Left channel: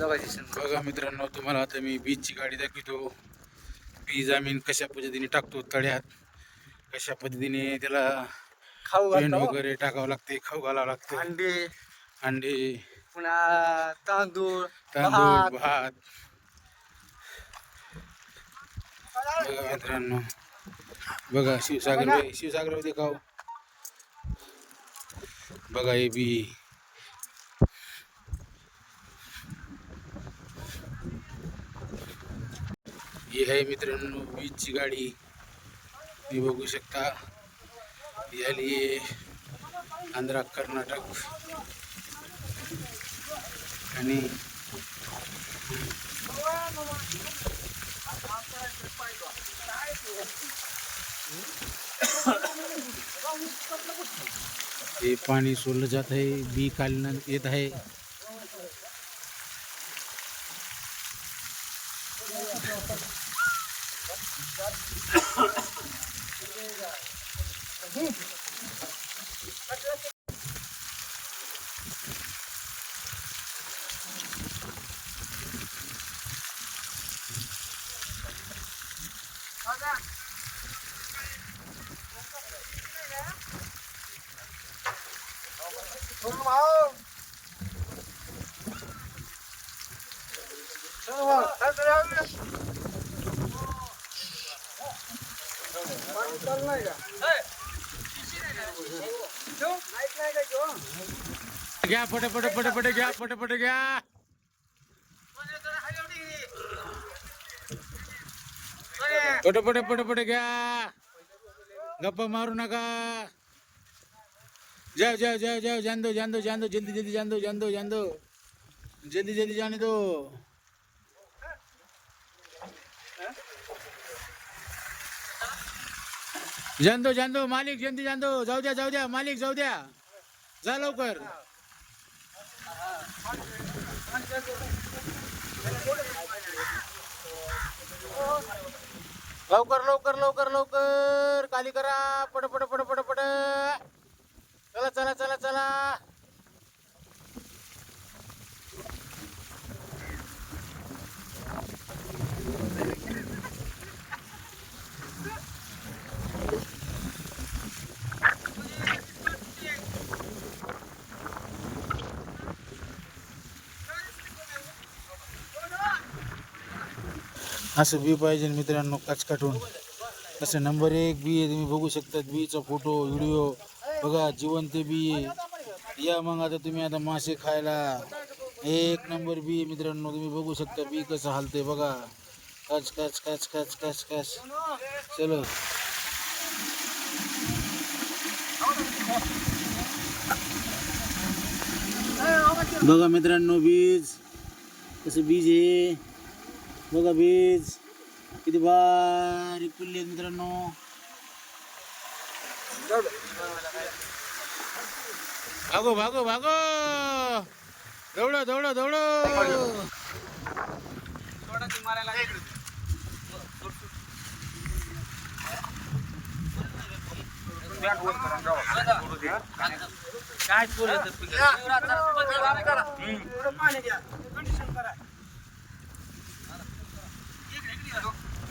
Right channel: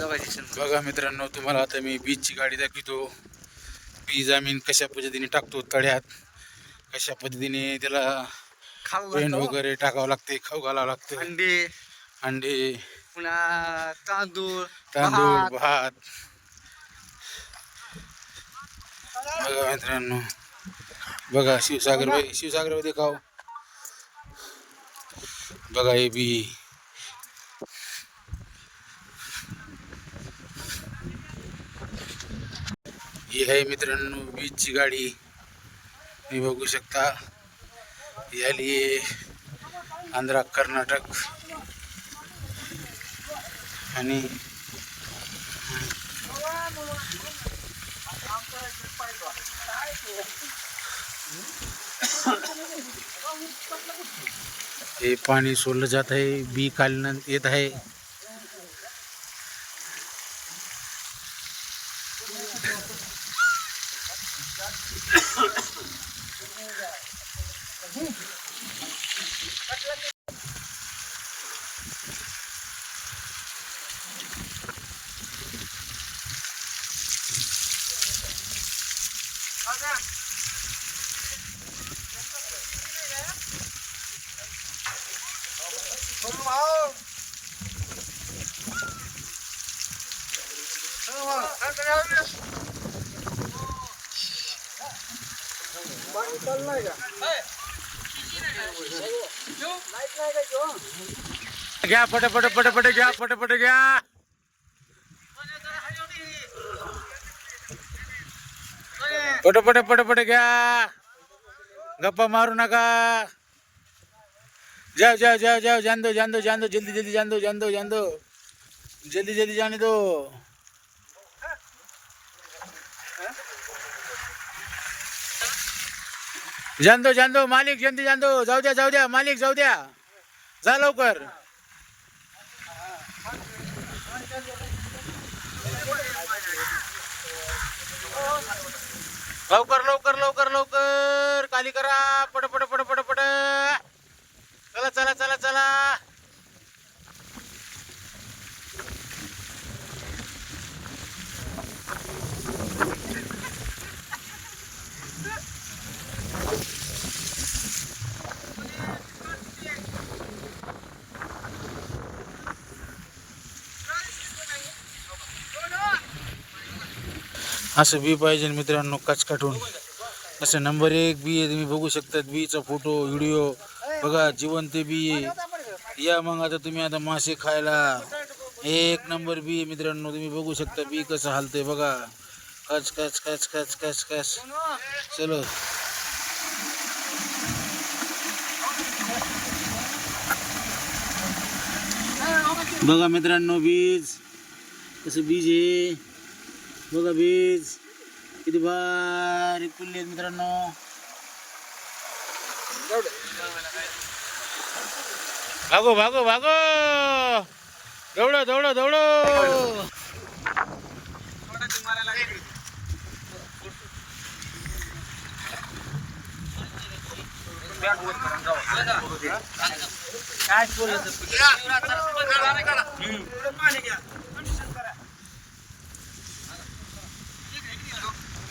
बघा मित्रांनो तुम्हाला आता मी बीचची गाडी दाखवतो. बीज आम्ही कशा पद्धतीने टाकतो तळ्यात कशा पद्धतीने त्याला खाऊ पेंट. वगैरे टाकावं लागते खाऊ घालावं लागतं. अंडे. अंडे. पुन्हा तांदूळ तांदूळ भात. बघा मित्रांनो. बघा शिवसागर शिवसागरमध्ये खाऊ. बघा हे बी. आहे मित्रांनो वीजची गाडी तुम्ही बघू शकता. याली आंध्रा कर्नाटक. आणि हे पाणी सोडलं जात आहे. बी काढण्यात येत आहे. घ्या पट पट पट पट घ्या पट पट घ्या पट पट पट पट घ्या. गप्पा मारू नका. जाओ जाओ जाओ जाओ जान दो जान दो जान दो जल्दी जल्दी जान दो जान दो जान दो जल्दी जल्दी जाने दो. जांदो जांदो मालिक जल्दी जांदो. जाऊ द्या जाऊ द्या. मालिक जाऊ द्या. जा लवकर. लवकर लवकर लवकर लवकर. काली करा. पट पट पट पट पट. चला चला चला चला. असं बी पाहिजे मित्रांनो काचकाटून असं नंबर एक बी आहे तुम्ही बघू शकतात. बीचा फोटो व्हिडिओ. बघा जिवंत बी आहे. या मग आता तुम्ही आता मासे खायला. एक नंबर बी आहे मित्रांनो तुम्ही बघू शकता बी कसं हालते बघा. कच कच कच कच कच कच. चलो. बघा मित्रांनो बीज. कसं बीज आहे? बघा बीज किती बारीक पिल्ले आहेत मित्रांनो. भागो भागो भागो. दौडो दौडो दौडो.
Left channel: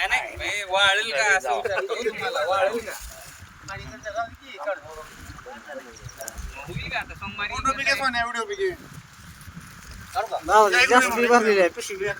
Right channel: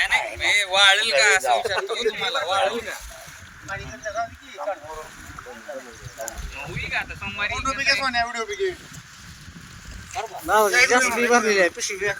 नाही नाही हे वाळेल का असं विचारतो तुम्हाला वाळेल का? होईल का आता सोमवारी? जास्त बी भरलेली आहे, पिशवी घ्या.